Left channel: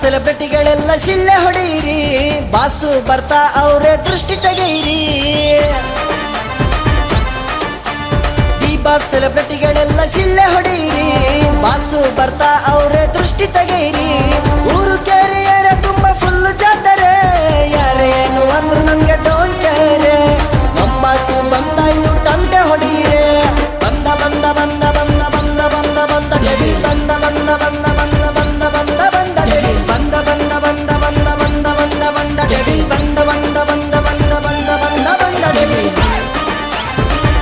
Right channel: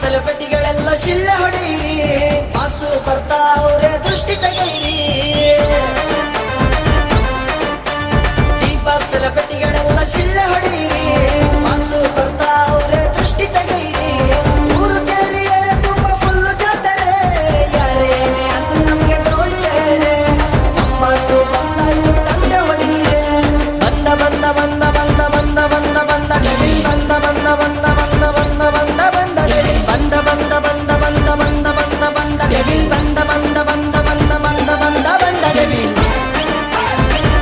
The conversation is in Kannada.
ಸೆಲೆಬ್ರಿಟಿಗಳೆಲ್ಲ ಶಿಳ್ಳೆ ಹೊಡೀರಿ, ಬಾಸು ಬರ್ತಾ ಅವ್ರೆ ದೃಷ್ಟಿ ತೆಗೀರಿ. ಬಾಸ್ ಸೆಲೆಬ್ರಿಟಿಗಳೆಲ್ಲ ಶಿಳ್ಳೆ ಹೊಡೀರಿ, ಬಾಸು ಬರ್ತಾ ಅವ್ರೆ ದೃಷ್ಟಿ ತೆಗೀರಿ. ಊರು ಕೇರಿಯರ ತುಂಬ ಫುಲ್ ಜಾತಾರೆ, ಯಾರೇನು ಅಂದ್ರು ನಮ್ಗೆ ಡೋಂಟ್ ಕೇರ್. ನಮ್ ಬಾಸು ಬಂದಾಯ್ತು ಟಂಗೆ ಹೊಡೀರೆ, ಬಂದ ಬಂದ ಬಂದ